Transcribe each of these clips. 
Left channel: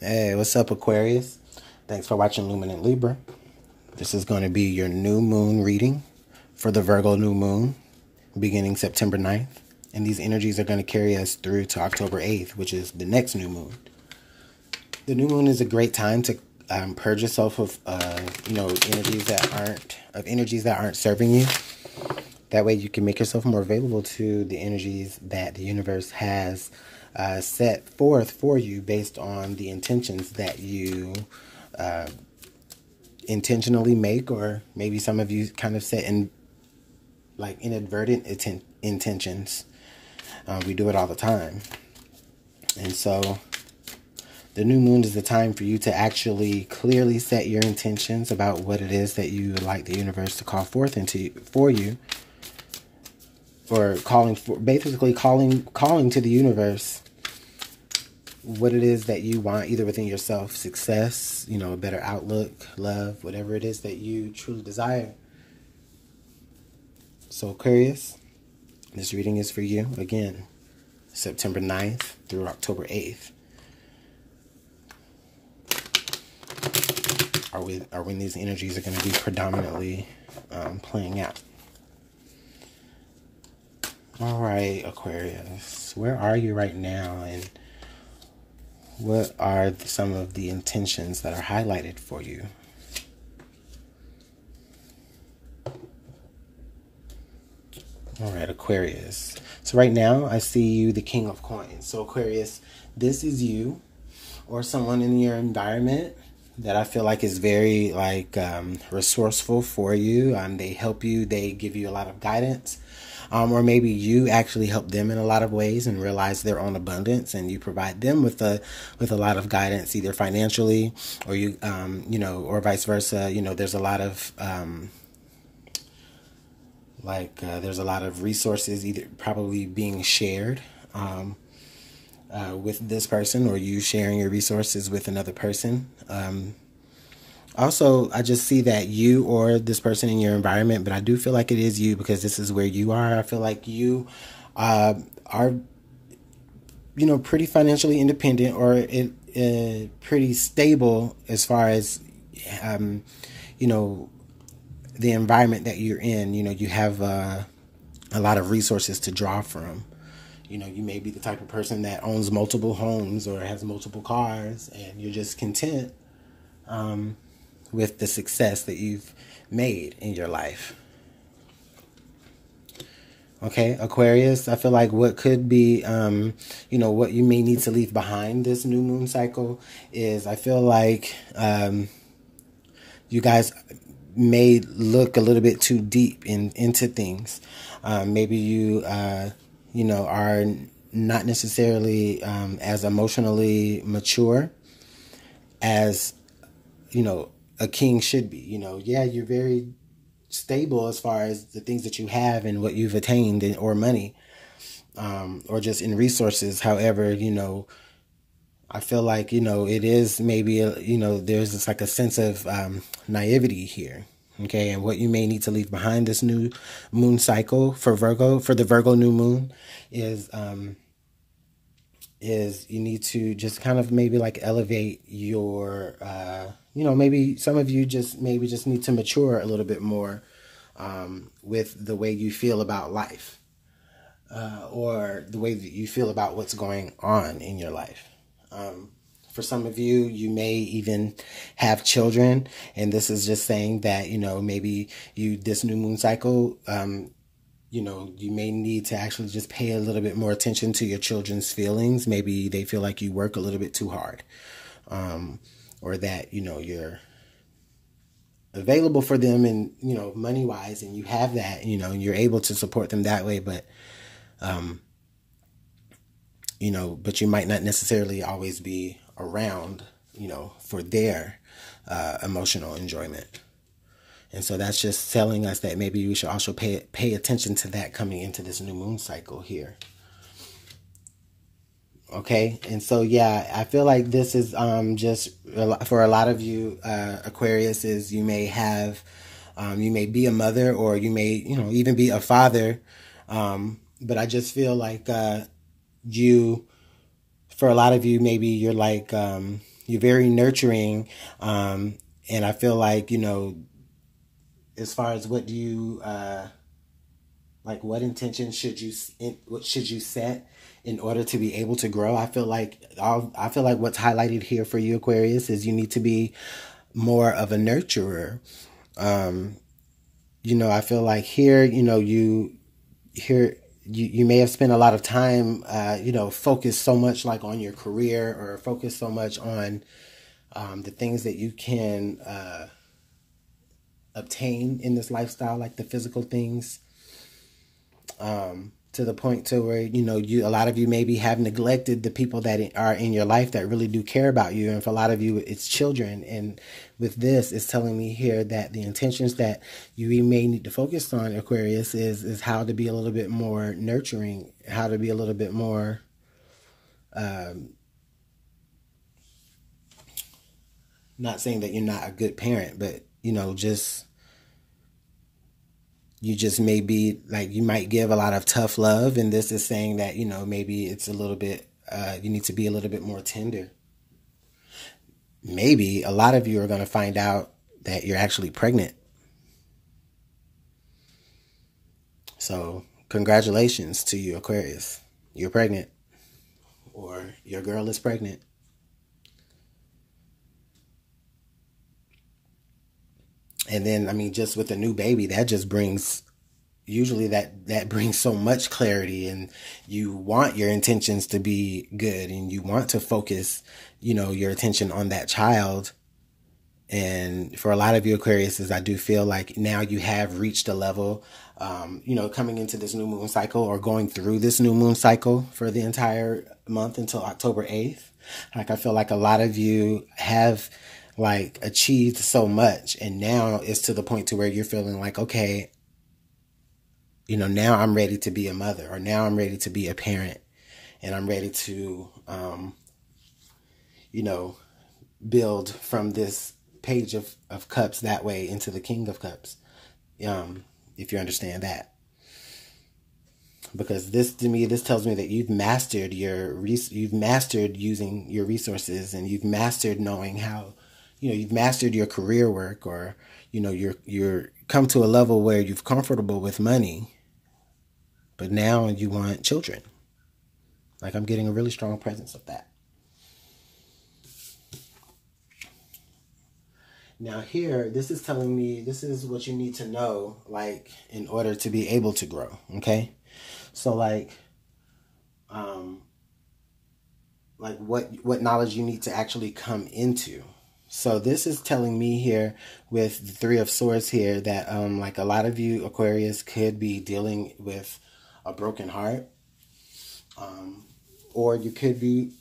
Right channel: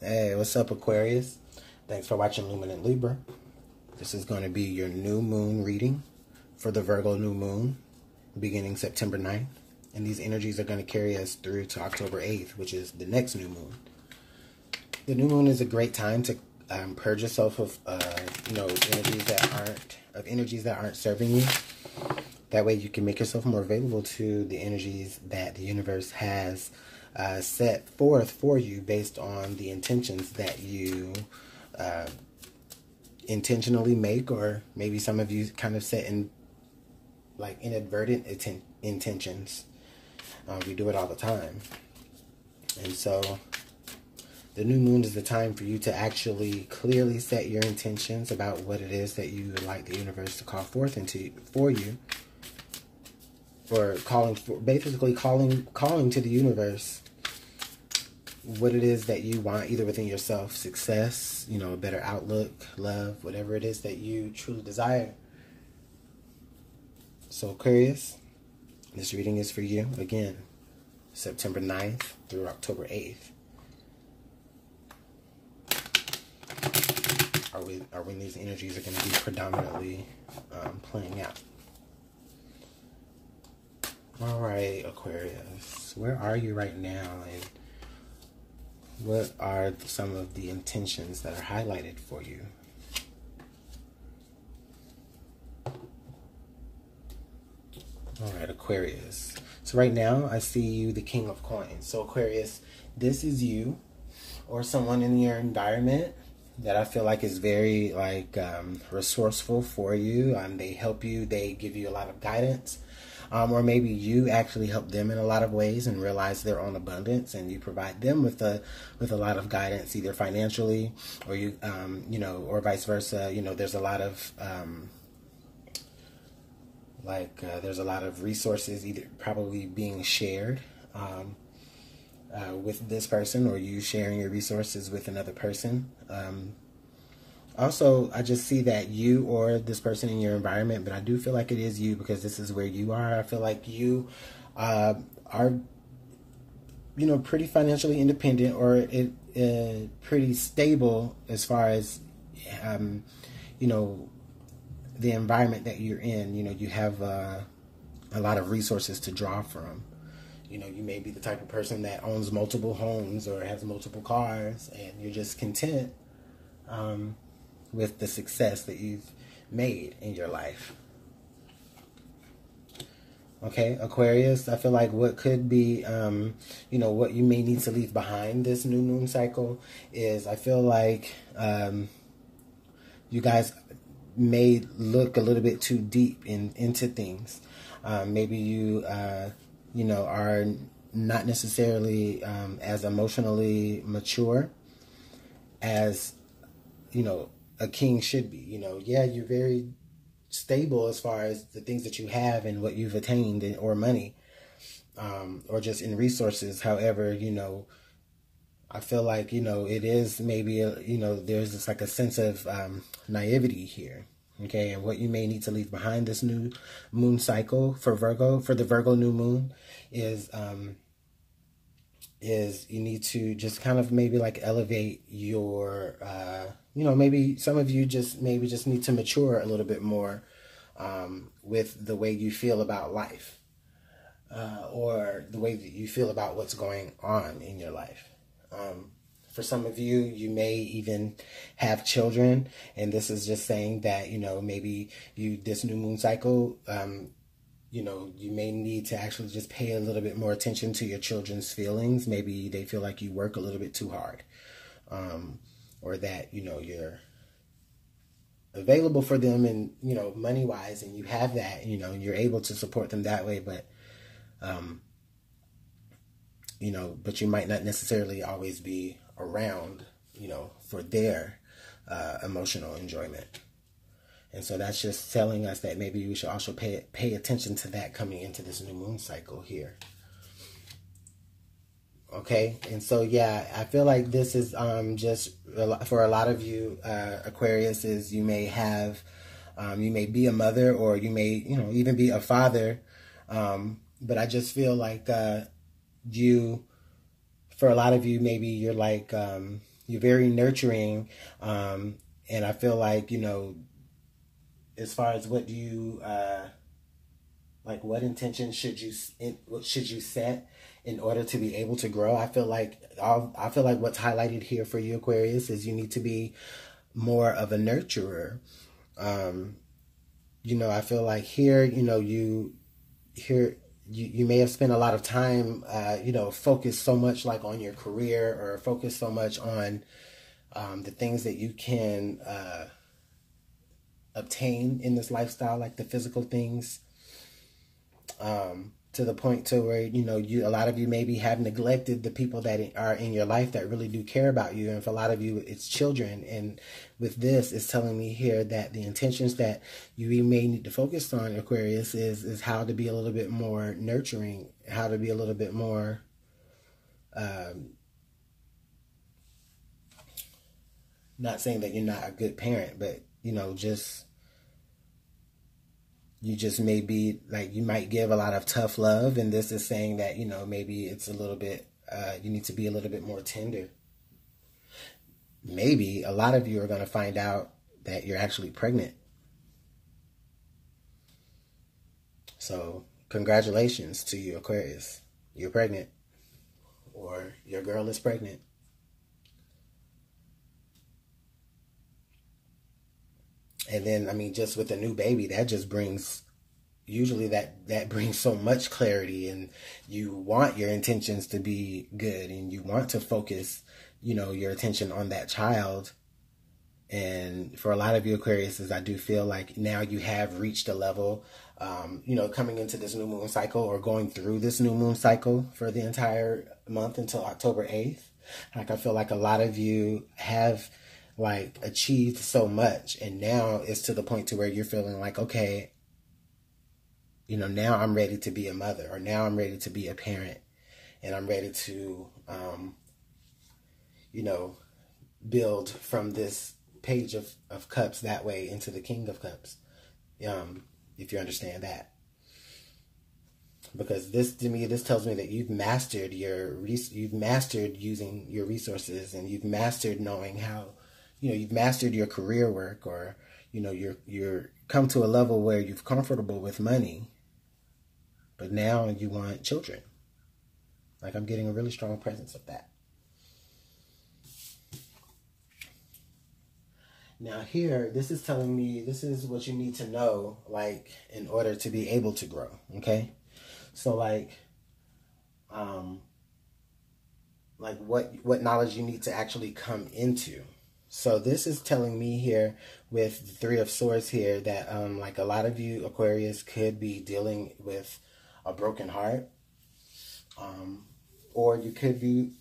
Hey, what's up, Aquarius? Thanks for watching Luminant Libra. This is going to be your new moon reading for the Virgo new moon beginning September 9th. And these energies are going to carry us through to October 8th, which is the next new moon. The new moon is a great time to purge yourself of, energies that aren't serving you. That way you can make yourself more available to the energies that the universe has set forth for you based on the intentions that you intentionally make, or maybe some of you kind of set in like inadvertent intentions. We do it all the time. And so the new moon is the time for you to actually clearly set your intentions about what it is that you would like the universe to call forth for you. Or basically calling to the universe what it is that you want, either within yourself, success, a better outlook, love, whatever it is that you truly desire. So Aquarius, this reading is for you, again, September 9th through October 8th. Are when these energies are going to be predominantly playing out. All right, Aquarius, where are you right now, and what are some of the intentions that are highlighted for you? All right, Aquarius. So right now, I see you, the King of Coins. So Aquarius, this is you or someone in your environment that I feel like is very resourceful for you. They help you. They give you a lot of guidance. Or maybe you actually help them in a lot of ways and realize their own abundance, and you provide them with a lot of guidance, either financially or or vice versa. There's a lot of there's a lot of resources either probably being shared with this person, or you sharing your resources with another person. Also, I just see that you or this person in your environment, but I do feel like it is you because this is where you are. I feel like you are, pretty financially independent, or pretty stable as far as, the environment that you're in. You have a lot of resources to draw from. You may be the type of person that owns multiple homes or has multiple cars, and you're just content with the success that you've made in your life. Okay, Aquarius, I feel like what could be, what you may need to leave behind this new moon cycle is, I feel like you guys may look a little bit too deep into things. Maybe you, are not necessarily as emotionally mature as, a king should be. Yeah, you're very stable as far as the things that you have and what you've attained, or money, or just in resources. However, I feel like, it is maybe, there's this like a sense of naivety here. Okay, and what you may need to leave behind this new moon cycle for the Virgo new moon is you need to just kind of maybe like elevate your, maybe some of you just need to mature a little bit more with the way you feel about life, or the way that you feel about what's going on in your life. For some of you, you may even have children, and this is just saying that, maybe this new moon cycle, you may need to actually just pay a little bit more attention to your children's feelings. Maybe they feel like you work a little bit too hard, or that, you're available for them and, money-wise, and you have that, and you're able to support them that way, but, but you might not necessarily always be around, for their emotional enjoyment. And so that's just telling us that maybe we should also pay attention to that coming into this new moon cycle here. Okay, and so yeah, I feel like this is just for a lot of you Aquarius, is you may have you may be a mother, or you may even be a father, but I just feel like for a lot of you, maybe you're like You're very nurturing. And I feel like, you know, as far as what do you, like what intention what should you set in order to be able to grow? I feel like what's highlighted here for you, Aquarius, is you need to be more of a nurturer. You know, I feel like here, you know, you may have spent a lot of time, you know, focused so much like on your career, or focused so much on the things that you can obtain in this lifestyle, like the physical things, to the point to where, you know, a lot of you maybe have neglected the people that are in your life that really do care about you. And for a lot of you, it's children. And with this, it's telling me here that the intentions that you may need to focus on, Aquarius, is how to be a little bit more nurturing, how to be a little bit more, not saying that you're not a good parent, but, you know, you just may be like, you might give a lot of tough love, and this is saying that, you know, maybe it's a little bit, you need to be a little bit more tender. Maybe a lot of you are going to find out that you're actually pregnant. So congratulations to you, Aquarius. You're pregnant, or your girl is pregnant. And then, I mean, just with a new baby, that just brings, usually that brings so much clarity, and you want your intentions to be good, and you want to focus, you know, your attention on that child. And for a lot of you, Aquarius, I do feel like now you have reached a level, you know, coming into this new moon cycle, or going through this new moon cycle for the entire month until October 8th. Like, I feel like a lot of you have like achieved so much, and now it's to the point to where you're feeling like, okay, you know, now I'm ready to be a mother, or now I'm ready to be a parent, and I'm ready to, you know, build from this page of cups that way into the King of Cups, if you understand that. Because this, to me, this tells me that you've mastered you've mastered using your resources, and you've mastered knowing how, you know, you've mastered your career work, or, you know, you're come to a level where you're comfortable with money, but now you want children. Like, I'm getting a really strong presence of that. Now here, this is telling me, this is what you need to know, like, in order to be able to grow, okay? So, like what knowledge you need to actually come into. So this is telling me here with the Three of Swords here that, like, a lot of you, Aquarius, could be dealing with a broken heart. Or you could be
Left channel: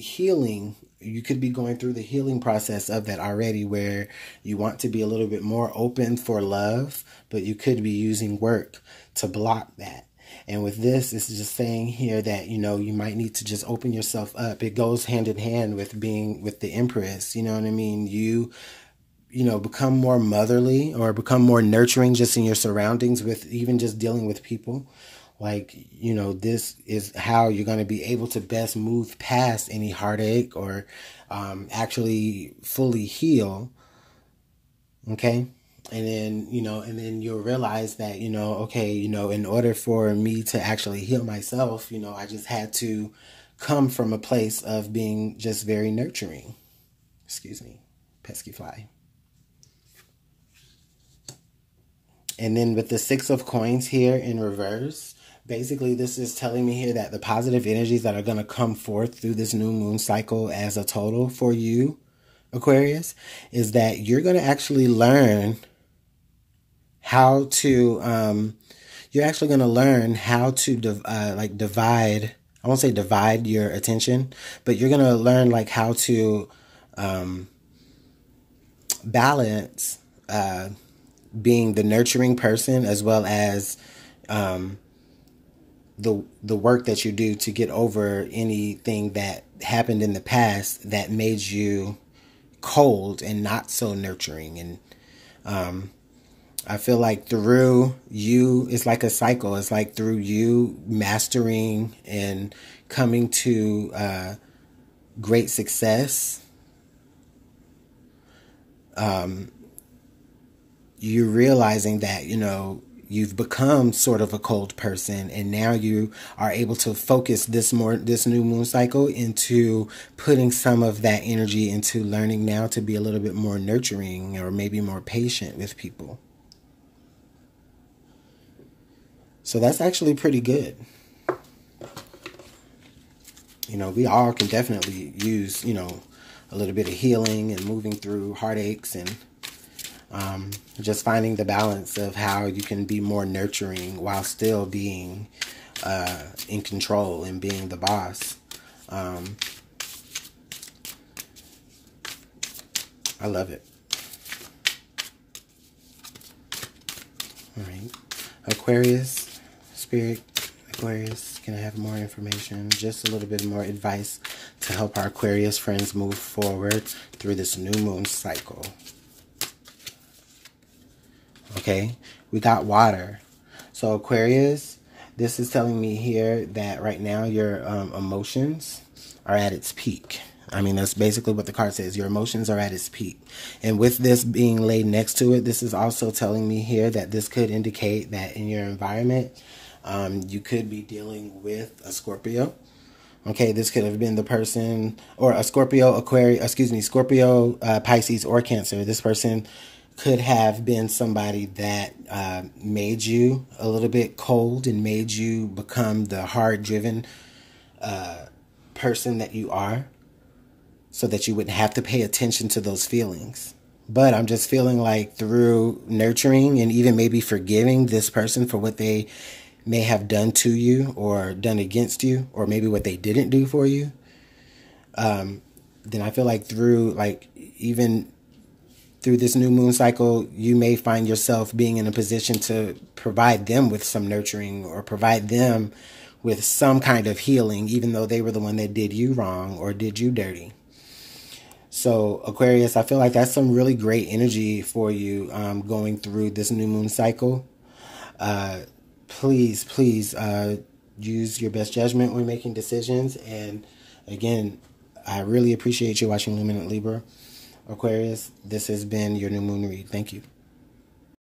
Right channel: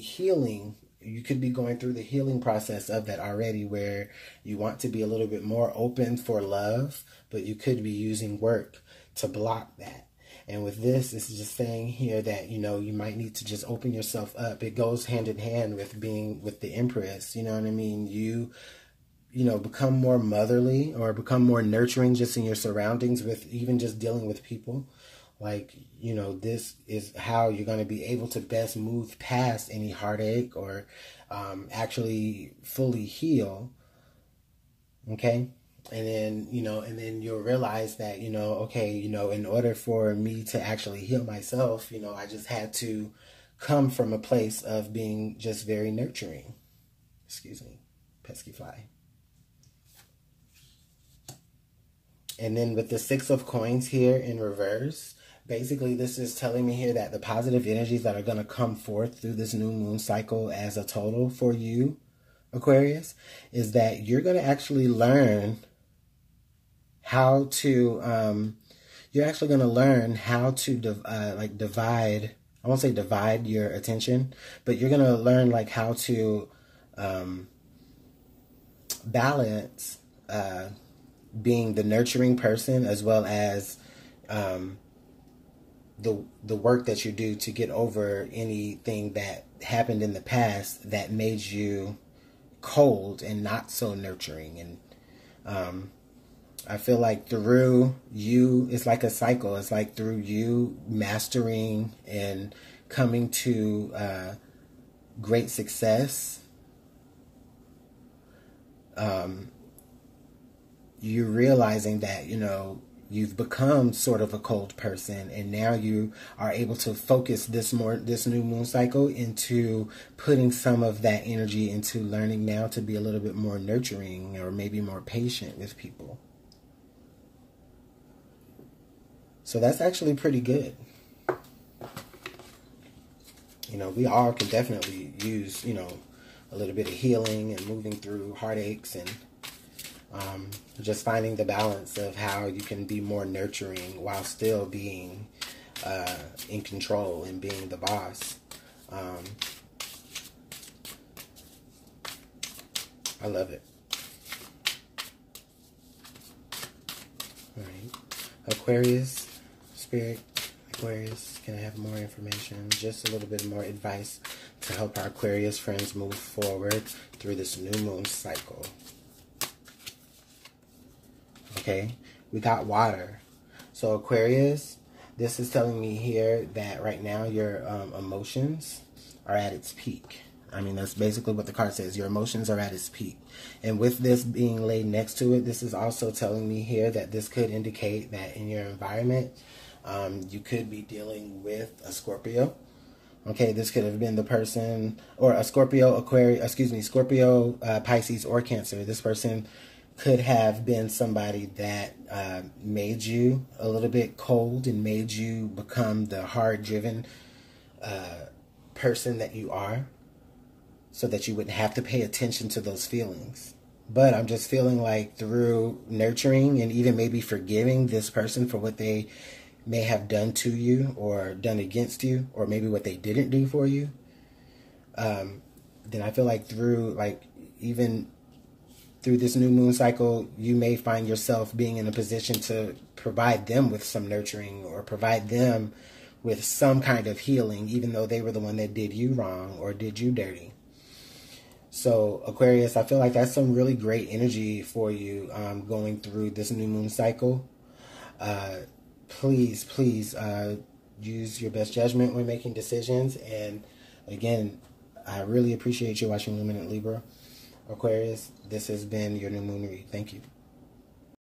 healing. You could be going through the healing process of that already, where you want to be a little bit more open for love, but you could be using work to block that. And with this is just saying here that, you know, you might need to just open yourself up. It goes hand in hand with being with the Empress. You know what I mean? You know, become more motherly, or become more nurturing just in your surroundings, with even just dealing with people. Like, you know, this is how you're going to be able to best move past any heartache, or actually fully heal. Okay. And then, you know, and then you'll realize that, you know, okay, you know, in order for me to actually heal myself, you know, I just had to come from a place of being just very nurturing. Excuse me, pesky fly. And then with the Six of Coins here in reverse, basically this is telling me here that the positive energies that are going to come forth through this new moon cycle as a total for you, Aquarius, is that you're going to actually learn how to, you're actually going to learn how to divide, I won't say divide your attention, but you're going to learn like how to balance being the nurturing person, as well as the work that you do to get over anything that happened in the past that made you cold and not so nurturing. And I feel like through you, it's like a cycle. It's like through you mastering and coming to great success, you're realizing that, you know, you've become sort of a cold person, and now you are able to focus this new moon cycle into putting some of that energy into learning now to be a little bit more nurturing or maybe more patient with people. So that's actually pretty good. You know, we all can definitely use, you know, a little bit of healing and moving through heartaches, and just finding the balance of how you can be more nurturing while still being in control and being the boss. I love it. All right. Aquarius, Spirit, Aquarius, can I have more information? Just a little bit more advice to help our Aquarius friends move forward through this new moon cycle. Okay, we got water. So Aquarius, this is telling me here that right now your emotions are at its peak. I mean, that's basically what the card says. Your emotions are at its peak. And with this being laid next to it, this is also telling me here that this could indicate that in your environment, you could be dealing with a Scorpio. Okay, this could have been the person, or a Scorpio, Aquarius, excuse me, Scorpio, Pisces, or Cancer. This person could have been somebody that made you a little bit cold and made you become the hard-driven person that you are, so that you wouldn't have to pay attention to those feelings. But I'm just feeling like through nurturing and even maybe forgiving this person for what they may have done to you or done against you, or maybe what they didn't do for you, then I feel like even through this new moon cycle, you may find yourself being in a position to provide them with some nurturing, or provide them with some kind of healing, even though they were the one that did you wrong or did you dirty. So Aquarius, I feel like that's some really great energy for you going through this new moon cycle. Please use your best judgment when making decisions. And again, I really appreciate you watching Luminant Libra. Aquarius, this has been your new moon read. Thank you.